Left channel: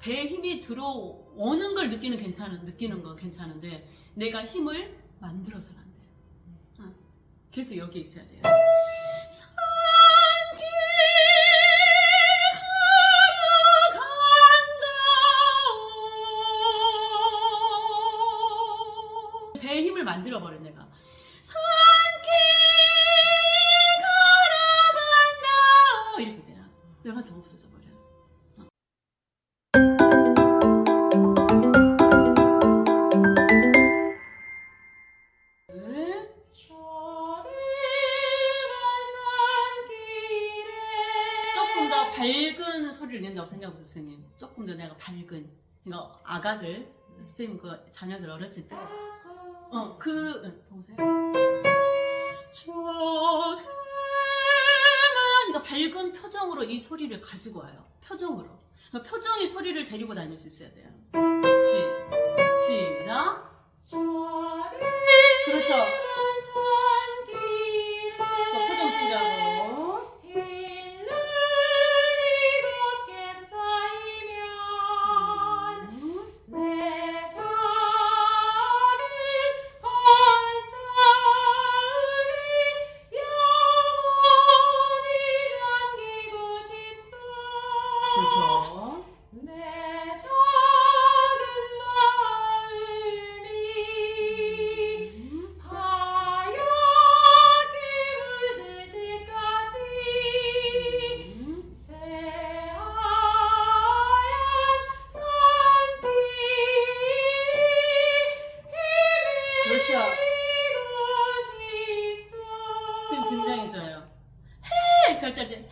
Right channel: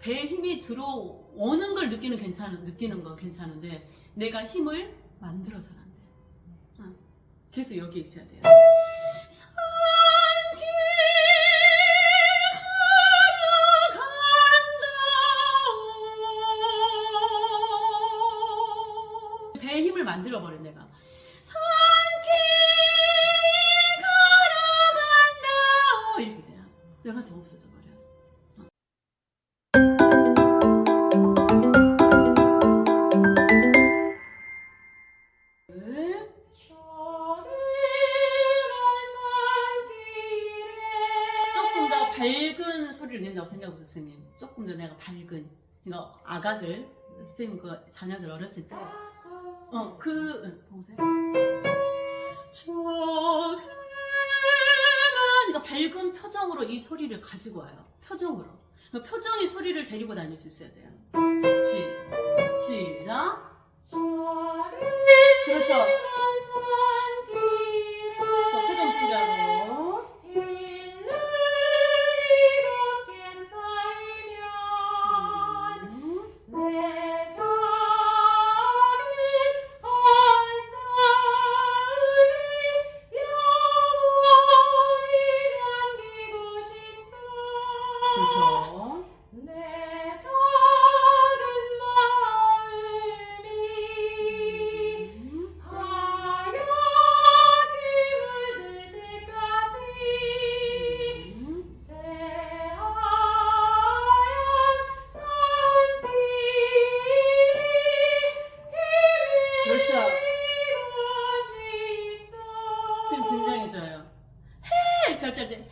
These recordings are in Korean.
배에 힘이 들어오는 걸 느끼는 건 괜찮은데 내가 힘을 만들어서는 안 돼. 계속 여기에 있어야 돼요. 산길 걸어간다. 배에 힘을 만들어버려 내가. 산길 걸어간다. 이렇게 돼요. 내가 좀 없어져 버려. 조금 더 밝은 소리를 낸다고 생각해보세요, 선생님. 조금 더 내가 밝은. 이거 아가들, 선생님 그 자녀들 어렸을 때, 보세요. 조그만, 그러니까 밝은 표정으로 이 소리를 가지고 와요. 표정으로. 그러니까 표정이 소리를 데리고 다닐 수 있어야 돼요. 시작. 그렇죠. 표정 준비하고. 그렇죠. 내 작은 마음이 하얗게 물들 때까지 새하얀 산길이 그렇죠. 지금 굉장히 좋아요. 해! 이렇게 할 때 헤매!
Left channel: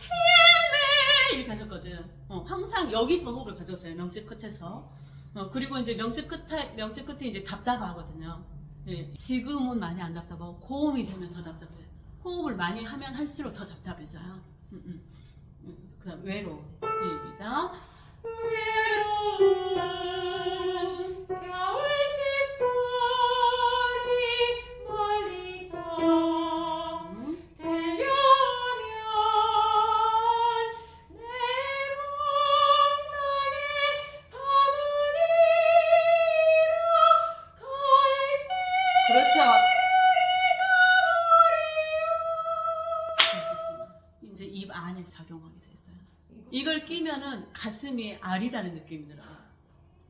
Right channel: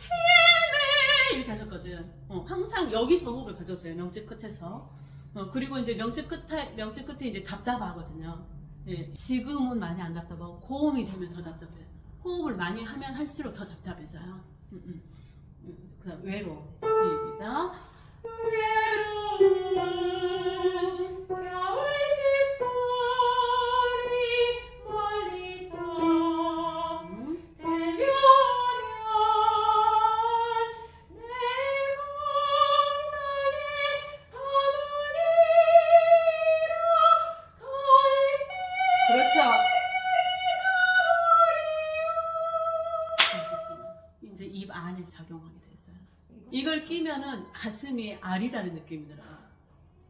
이렇게 하셨거든. 항상 여기서 호흡을 가져오세요. 명치 끝에서. 그리고 이제 명치 끝에 이제 답답하거든요. 예, 지금은 많이 안 답답하고 고음이 되면 더 답답해요. 호흡을 많이 하면 할수록 더 답답해져요. 그다음 외로. 시작. 외로운 겨울새 소리 멀리서 들려오면 내 공상에 바무니로 갈게. 그렇죠. 이제 입 안에 작용하게 됐어요. 이걸 끼면은 가슴이 아리다는 느낌이 들어.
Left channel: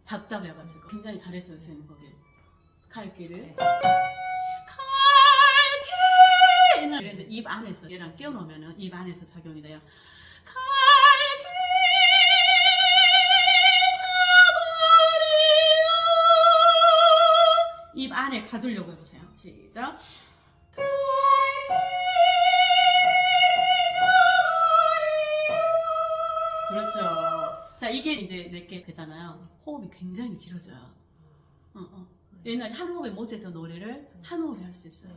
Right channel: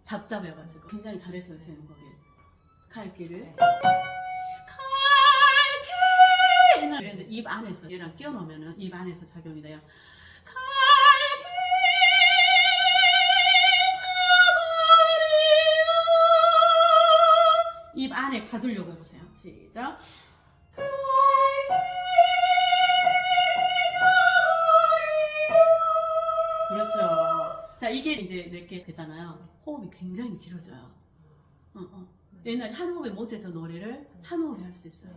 답답해가지고. 굉장히 잘했어요, 선생님, 거기. 갈길을. 갈길! 옛날에 입 안에서, 얘랑 끼워놓으면은 입 안에서 작용이 돼요. 갈길! 입 안에 가두려고 해보세요. 시작. 그렇죠. 자, 이게 이제 내게 되잖아요. 호흡이 굉장히 길어져요. 옛날에 한 호흡에 못했던 노래를 한 호흡에 할 수 있어요.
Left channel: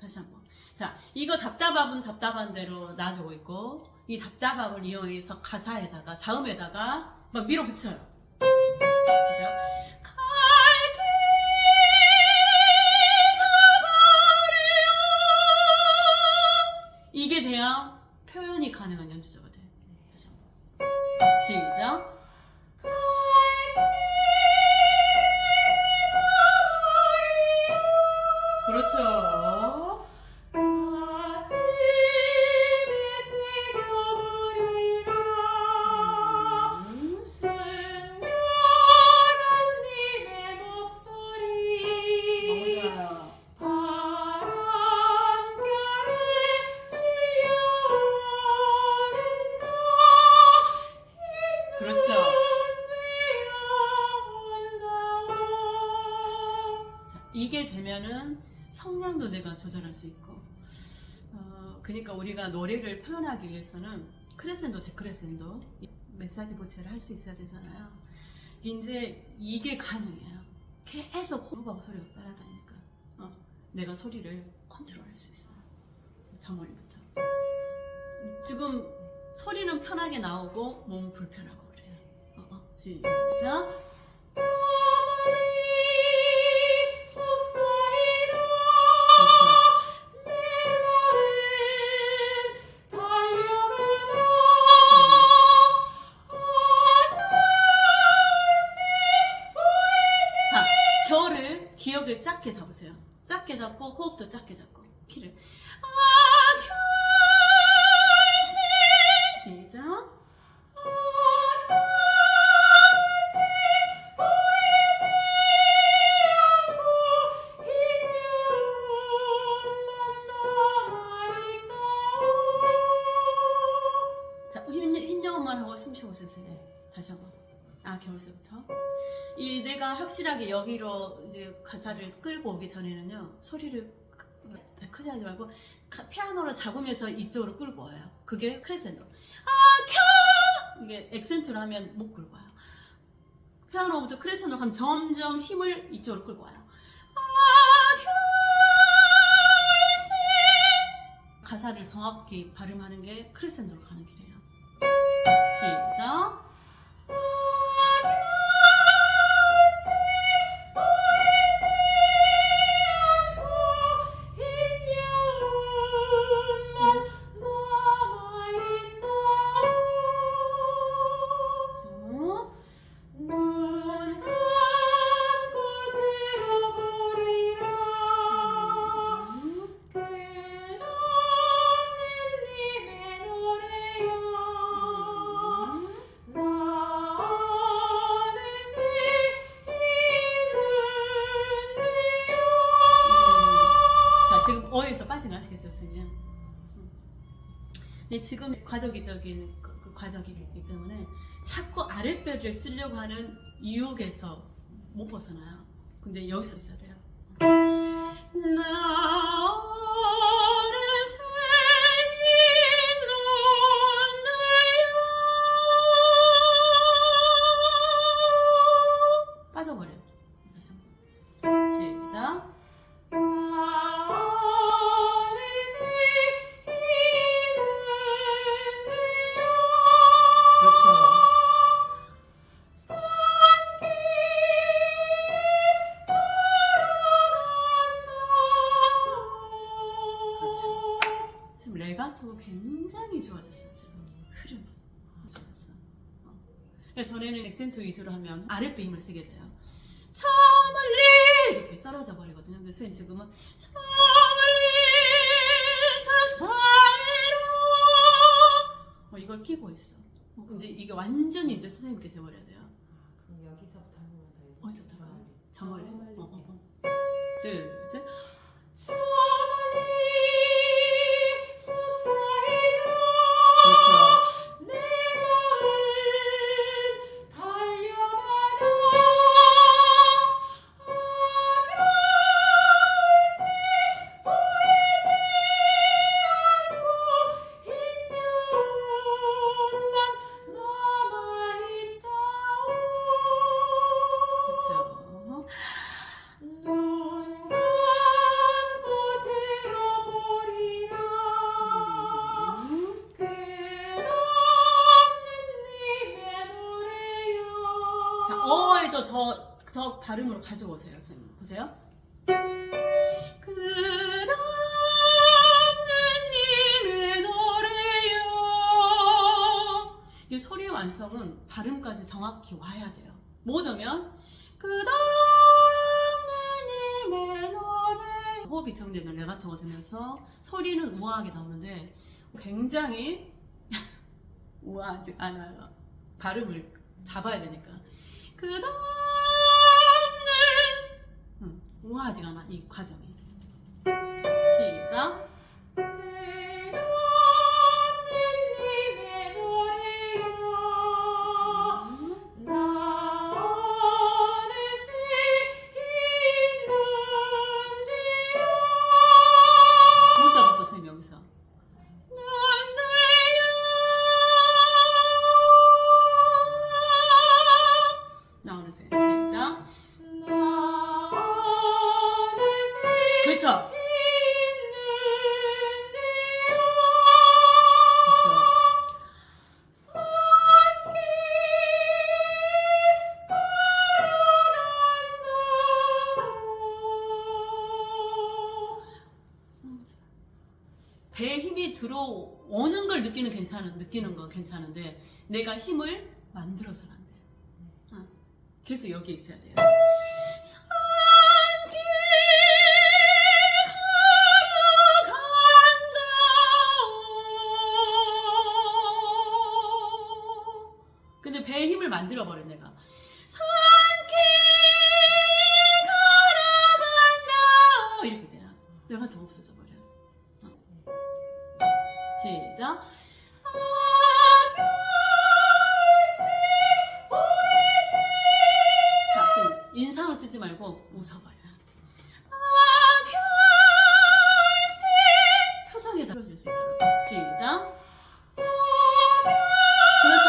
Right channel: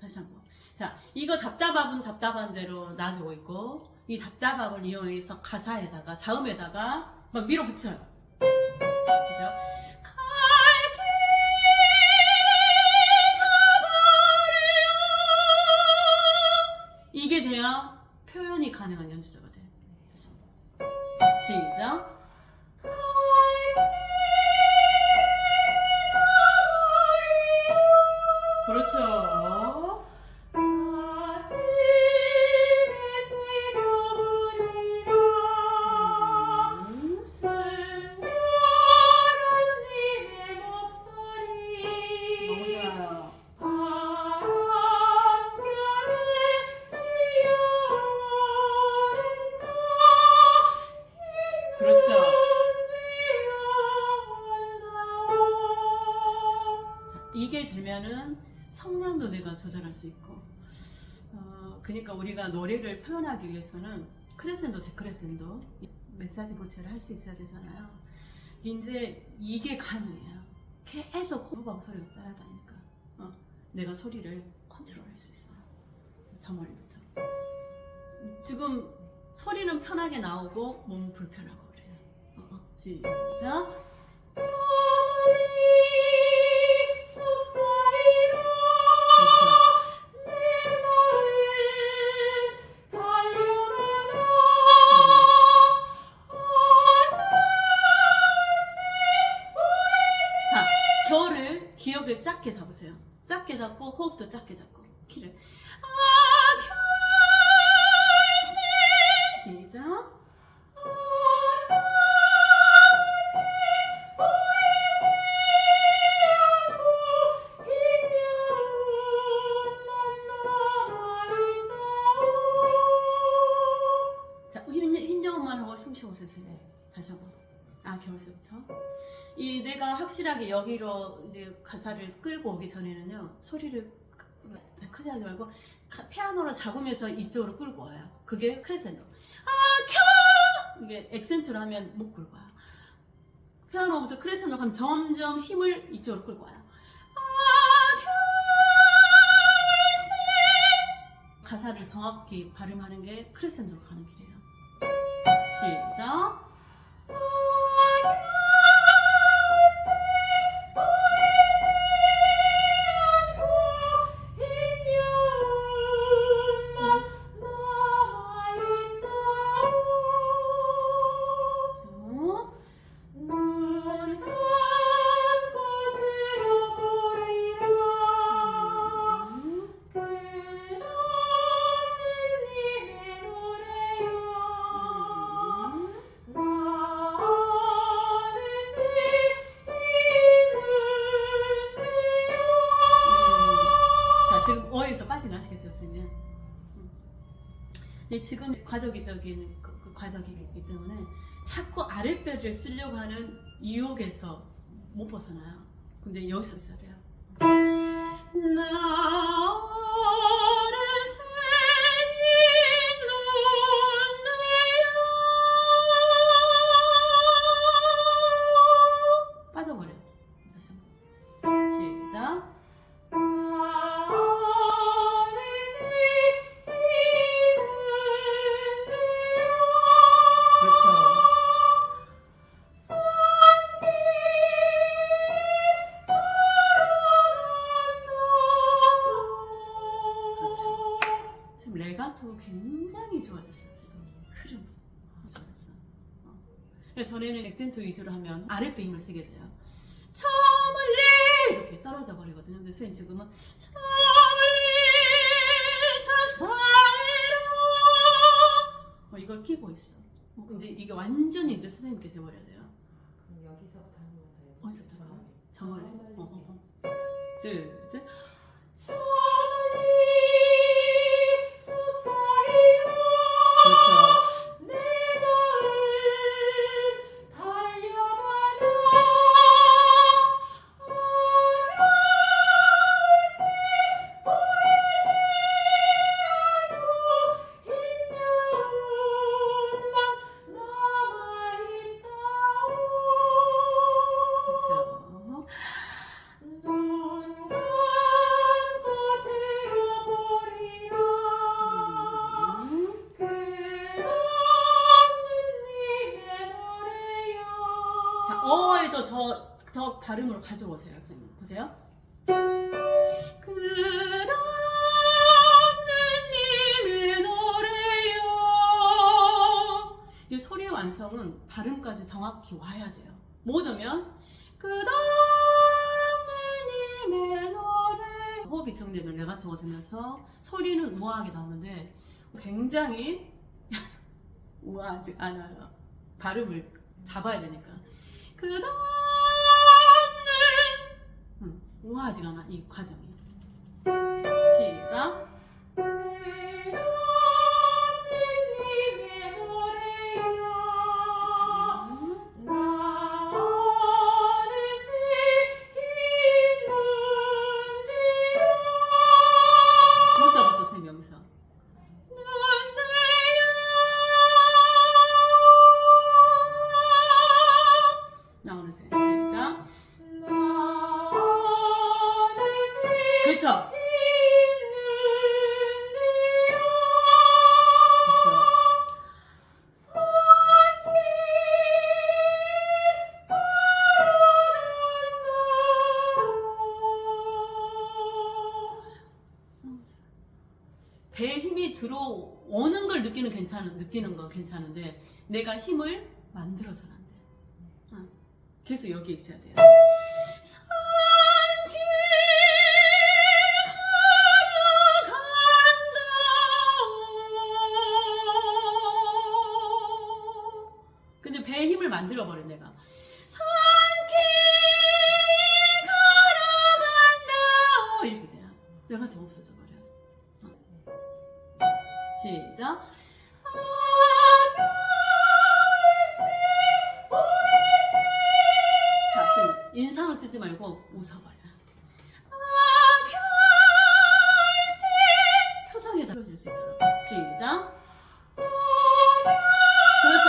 다시 한번. 자, 이거 답답한 대로 놔두고 있고, 이 답답함을 이용해서 가사에다가, 자음에다가 막 밀어붙여요. 보세요. 갈길 가버려. 이게 돼야 표현이 가능한 연주자가 돼요. 다시 한번. 시작. 그렇죠. 가슴에 새겨버리라 순결한 님의 목소리. 너무 좋아요. 바람결에 실려오는가. 그렇죠. 자, 이게 되면은 성량도 내가 조절할 수 있고, 그러니까 우리가 노래를 표현하기 위해서는 크레센도, 데크레센도, 메사지 보체를 할 수 있어야 되잖아요. 이제 이게 가능해요. 계속 호흡하고 소리가 따라다니까 내가 소리를 컨트롤할 수 있어요. 저머리부터. 지금 소리는 편하게 나오고 몸은 불편하고 그래요. 시작. 겨를 기억을 작게 잡으세요. 작게 잡고 호흡도 작게 잡고 키를 시작. 자, 힘정음만 하고 숨 쉬고 세세요. 다시 한번. 겨울새부터. 이 내가 확실하게 여기로 이제 가사를 끌고 오기 전에는요, 소리를 크게 하지 말고 피아노로 잡으면서 이쪽으로 끌고 와요. 그게 크레센도. 이게 액센트로 하면 못 끌고 와요. 피아노부터 크레센도로 가면 점점 힘을 이쪽으로 끌고 와요. 가사를 정확히 발음하는 게 크레센도로 가는 길이에요. 시작. 지금 어에서 빠져나시겠죠, 선생님? 근데 지금 과도기적인 그 과정이기 때문에 자꾸 아랫배를 쓰려고 하는 유혹에서 못 벗어나요. 근데 여기서 있어야 돼요. 나를 생기는데요. 빠져버려요. 다시 한번. 시작. 지금 레가토가 굉장히 좋아졌어요. 지금 흐름 좋아졌어. 그래서 전에는 액센트 위주로 하면 아랫배 힘을 쓰게 돼요. 저 멀리 이렇게 떨어져 버리거든요. 근데 선생님 지금은 저 멀리 사사이로 이걸 끼고 있어. 이제 이게 완전히 이제 선생님께 돼버려야 돼요. 그럼 여기서부터 하는 거예요. 어디서부터? 저 멀리. 둘, 셋. 저 멀리 숲 사이로. 그렇죠. 내 마음 달려가려. 그렇죠. 눈 감고 들어보리라. 끝없는 님의 노래요. 자, 어에도 더 발음으로 가져오세요, 선생님. 보세요. 끝없는 님의 노래요. 이 소리의 완성은 발음까지 정확히 와야 돼요. 못 오면 끝없는 님의 노래. 호흡이 정되면 레가토가 되면서 소리는 우아하게 나오는데 굉장히 우아하지 않아요. 발음을 잡아야 되니까. 끝없는 우아하지가 않아, 이 과정이. 시작. 못 잡았어, 선생님, 여기서. 나오는 세. 시작. 그렇죠. 배에 힘이 들어오는 걸 느끼는 건 괜찮은데 내가 힘을 만들어서는 안 돼. 계속 여기 있어야 돼요. 만들어버려 내가. 산길 걸어간다 이렇게 돼요. 내가 좀 없어져 버려. 시작. 자, 인상을 쓰지 말고 웃어버려. 표정에다 풀어줄 수 있도록. 시작. 그렇죠.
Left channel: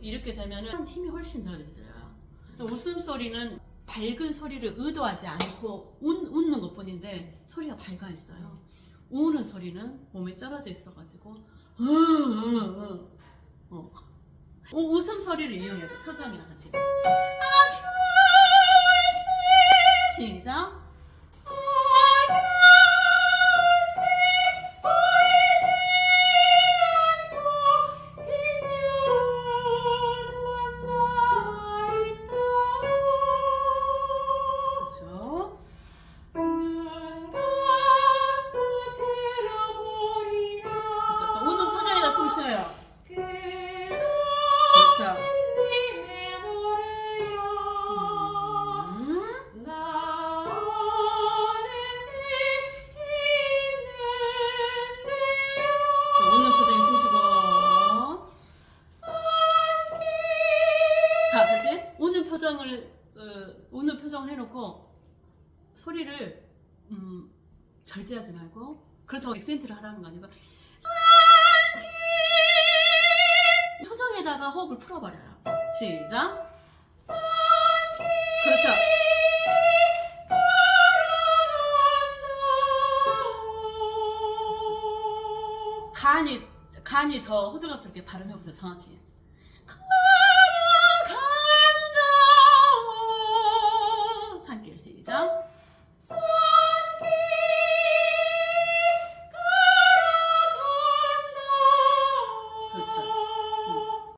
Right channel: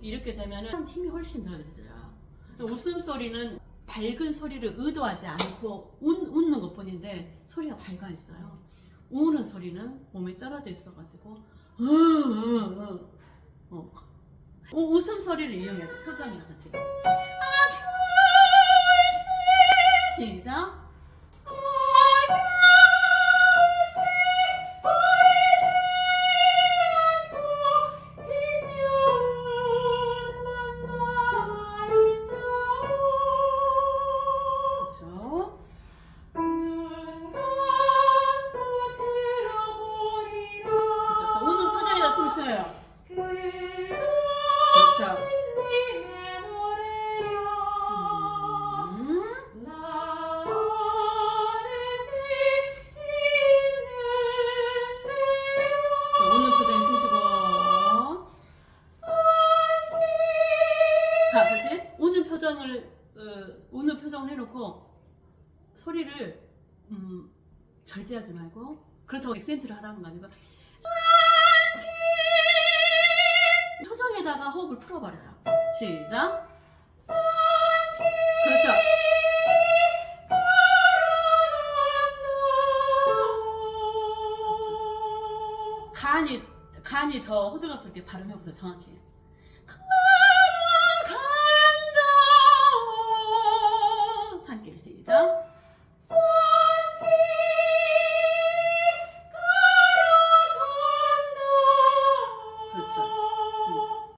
이렇게 되면은 힘이 훨씬 더 되더라. 웃음소리는 밝은 소리를 의도하지 않고 웃는 것 뿐인데 소리가 밝아 있어요. 우는 소리는 몸에 떨어져 있어가지고 웃음 소리를 이용해야 돼. 표정이랑 같이. 시작. 그렇죠. 그렇죠. 또 웃는 표정에다 숨 쉬어요. 그렇죠. 웃는 표정에 숨 쉬고. 자, 다시 웃는 표정을 해놓고 소리를 절제하지 말고, 그렇다고 액센트를 하라는 거 아니고 표정에다가 호흡을 풀어버려요. 시작. 그렇죠. 간이 더 호들갑스럽게 발음해보세요. 정확히. 걸어간다. 산길 시작.